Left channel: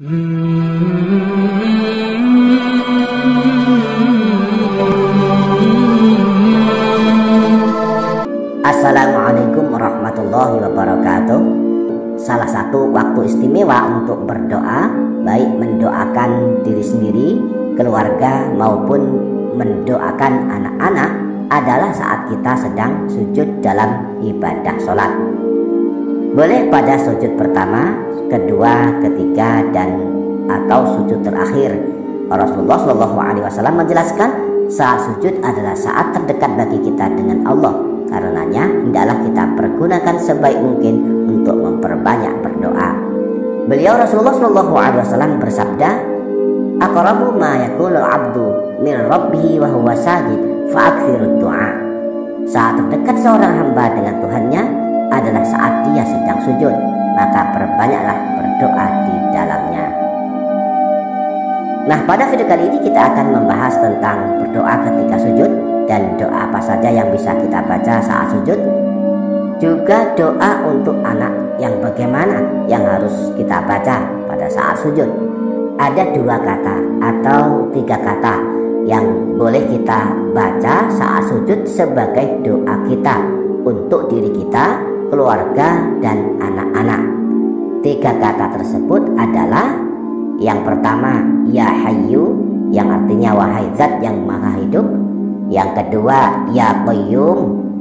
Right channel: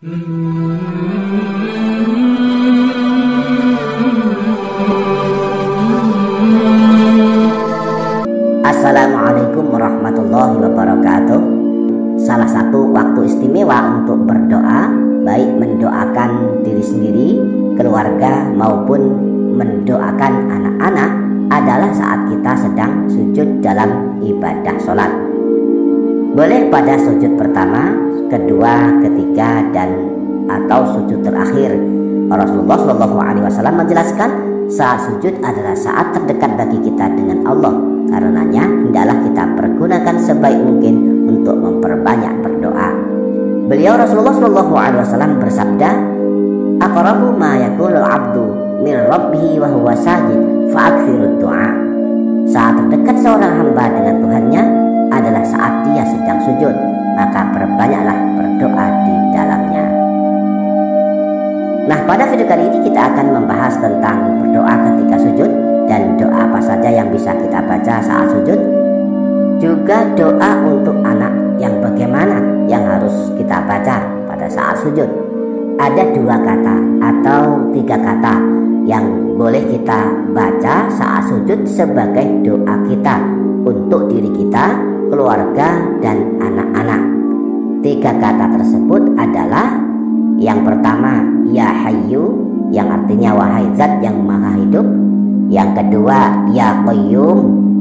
Assalamualaikum warahmatullahi wabarakatuh. Salah satu waktu istimewa untuk berdoa, baik mendoakan diri sendiri, keluarga maupun mendoakan anak-anak, adalah saat kita sedang sujud dalam ibadah sholat. Boleh pada sujud pertama, kedua, ketiga, dan atau sujud terakhir. Rasulullah SAW menjelaskan saat sujud adalah saat terdekat bagi kita dengan Allah. Karenanya hendaklah kita pergunakan sebaik mungkin untuk memperbanyak berdoa. Beliau Rasulullah SAW bersabda, "Aqrabu ma yakunul abdu min rabbih wa huwa sajid fa'aktsirud du'a." Saat terdekat seorang hamba dengan Tuhannya adalah saat dia sedang sujud, maka perbanyaklah berdoa di dalamnya. Nah, pada video kali ini kita akan membahas tentang berdoa ketika sujud dan doa apa saja yang bisa kita baca saat sujud. Juga doa untuk anak yang bagaimana yang harus kita baca pada saat sujud. Ada 2 kata atau 3 kata yang boleh kita baca saat sujud sebagai doa kita untuk diri kita, keluarga, dan anak-anak. 3 kata tersebut adalah yang pertama, Ya Hayyu, yang artinya wahai zat yang maha hidup. Yang kedua, Ya Qayyum,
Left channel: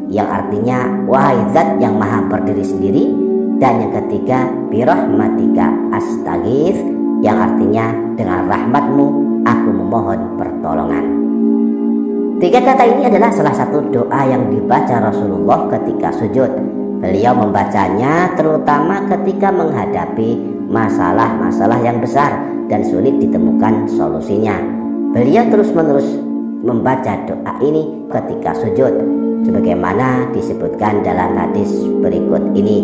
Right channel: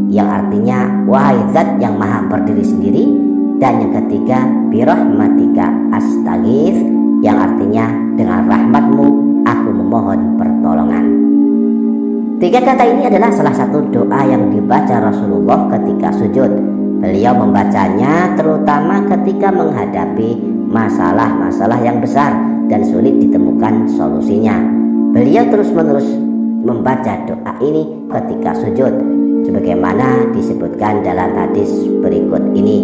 yang artinya wahai zat yang maha berdiri sendiri. Dan yang ketiga, Birahmatika astaghits, yang artinya dengan rahmatmu aku memohon pertolongan. 3 kata ini adalah salah satu doa yang dibaca Rasulullah ketika sujud. Beliau membacanya terutama ketika menghadapi masalah-masalah yang besar dan sulit ditemukan solusinya. Beliau terus-menerus membaca doa ini ketika sujud, sebagaimana disebutkan dalam hadis berikut ini.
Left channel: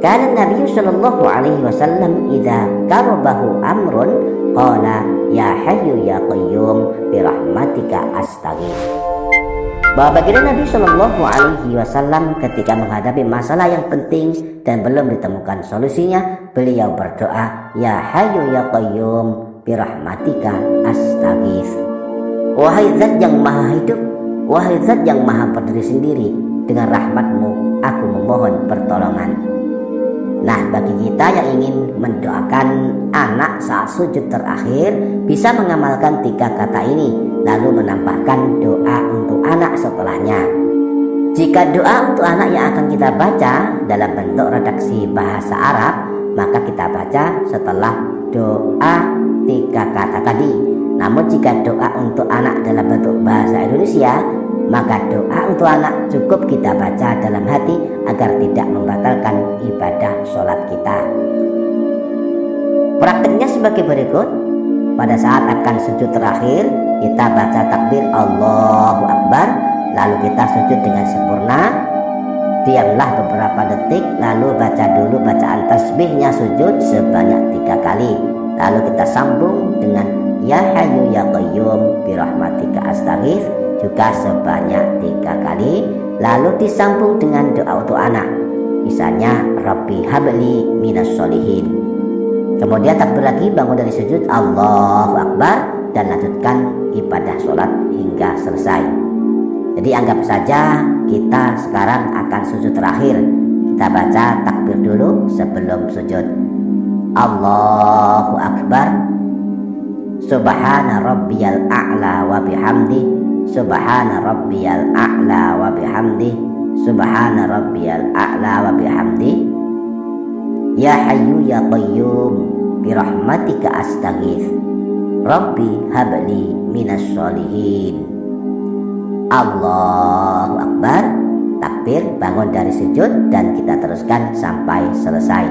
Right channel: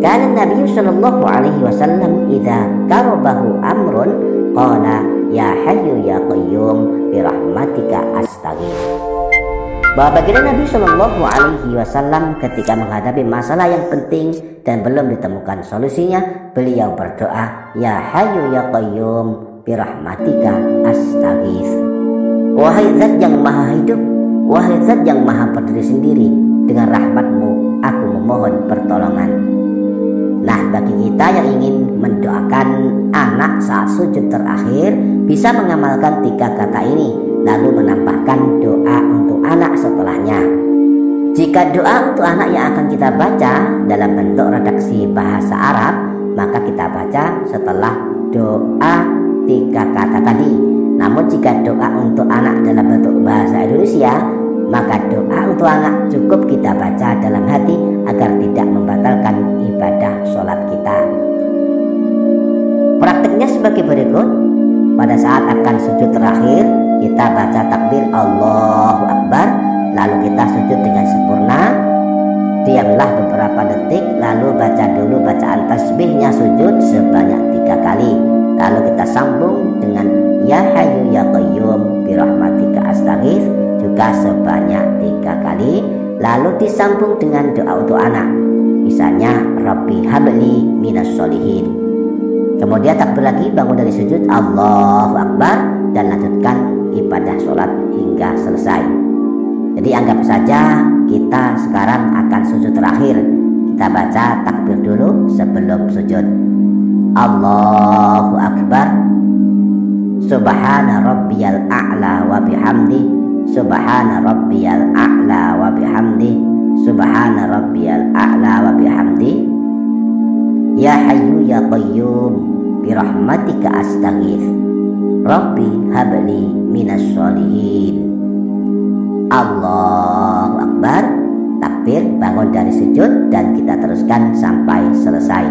Kana Nabi sallallahu alaihi wasallam idza karabahu amrun qala ya hayyu ya qayyum birahmatika astaghits. Bahwa baginda Nabi Shallallahu Alaihi Wasallam ketika menghadapi masalah yang penting dan belum ditemukan solusinya, beliau berdoa, Ya Hayyu Ya Qayyum birahmatika astaghits. Wahai zat yang maha hidup, wahai zat yang maha berdiri sendiri, dengan rahmatmu aku memohon pertolongan. Nah, bagi kita yang ingin mendoakan anak saat sujud terakhir, bisa mengamalkan 3 kata ini, lalu menambahkan doa untuk anak setelahnya. Jika doa untuk anak yang akan kita baca dalam bentuk redaksi bahasa Arab, maka kita baca setelah doa 3 kata tadi. Namun jika doa untuk anak dalam bentuk bahasa Indonesia, maka doa untuk anak cukup kita baca dalam hati agar tidak membatalkan ibadah sholat kita. Praktiknya sebagai berikut. Pada saat akan sujud terakhir, kita baca takbir Allahu Akbar, lalu kita sujud dengan sempurna. Diamlah beberapa detik, lalu baca dulu bacaan tasbihnya sujud sebanyak 3 kali. Lalu kita sambung dengan Ya Hayyu Ya Qayyum birahmatika astaghits juga sebanyak 3 kali. Lalu disambung dengan doa untuk anak, misalnya Rabbi habli minas sholihin. Kemudian takbir lagi, bangun dari sujud Allahu Akbar, dan lanjutkan ibadah sholat hingga selesai. Jadi anggap saja kita sekarang akan sujud terakhir. Kita baca takbir dulu sebelum sujud. Allahu Akbar, Subhana rabbiyal a'la wa bihamdi, Subhana rabbiyal a'la wa bihamdi, Subhana rabbiyal a'la wa bihamdi, Ya Hayyu Ya Qayyum birahmatika astaghits, Rabbi habli minas sholihin. Allahu Akbar, takbir, bangun dari sujud, dan kita teruskan sampai selesai.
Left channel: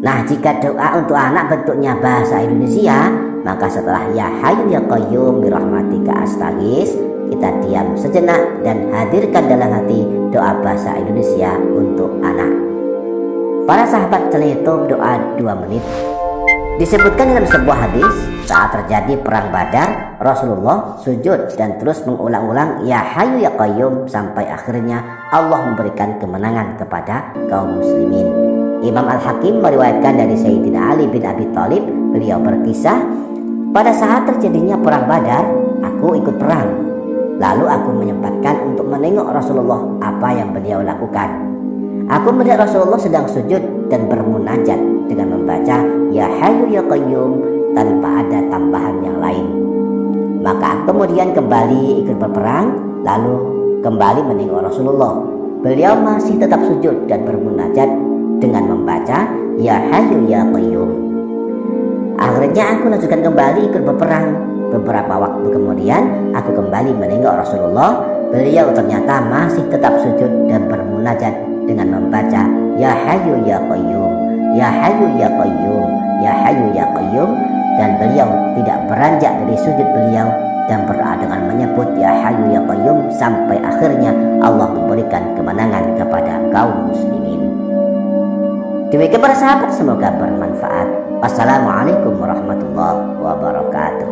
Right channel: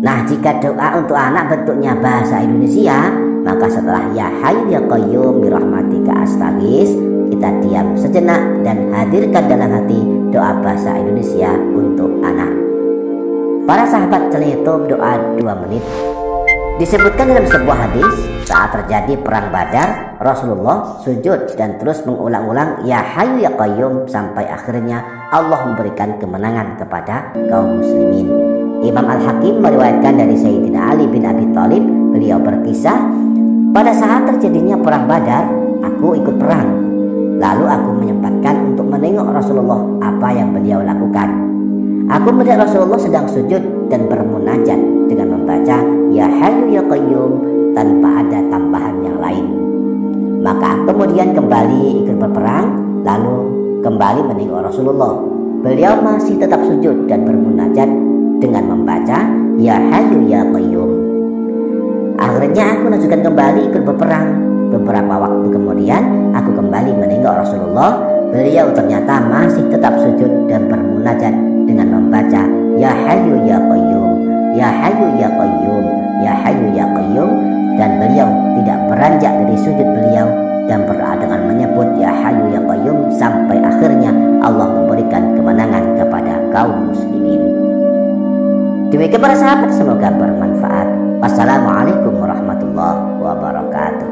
Nah, jika doa untuk anak bentuknya bahasa Indonesia, maka setelah Ya Hayyu Ya Qayyum birahmatika astaghits, kita diam sejenak dan hadirkan dalam hati doa bahasa Indonesia untuk anak. Para sahabat channel YouTube doa 2 menit. Disebutkan dalam sebuah hadis, saat terjadi perang Badar, Rasulullah sujud dan terus mengulang-ulang Ya Hayyu Ya Qayyum sampai akhirnya Allah memberikan kemenangan kepada kaum muslimin. Imam Al-Hakim meriwayatkan dari Sayyidina Ali bin Abi Thalib Beliau berkisah, pada saat terjadinya perang Badar, aku ikut perang. Lalu aku menyempatkan untuk menengok Rasulullah apa yang beliau lakukan. Aku melihat Rasulullah sedang sujud dan bermunajat dengan membaca Ya Hayyu Ya Qayyum tanpa ada tambahan yang lain. Maka aku kemudian kembali ikut berperang, lalu kembali menengok Rasulullah. Beliau masih tetap sujud dan bermunajat dengan membaca Ya Hayyu Ya Qayyum. Akhirnya aku lanjutkan kembali ikut berperang. Beberapa waktu kemudian aku kembali menengok Rasulullah. Beliau ternyata masih tetap sujud dan bermunajat dengan membaca Ya Hayyu Ya Qayyum, Ya Hayyu Ya Qayyum, Ya Hayyu Ya Qayyum. Dan beliau tidak beranjak dari sujud beliau dan berdoa dengan menyebut Ya Hayyu Ya Qayyum sampai akhirnya Allah memberikan kemenangan kepada kaum muslimin. Demikian para sahabat, semoga bermanfaat. Wassalamualaikum warahmatullahi wabarakatuh.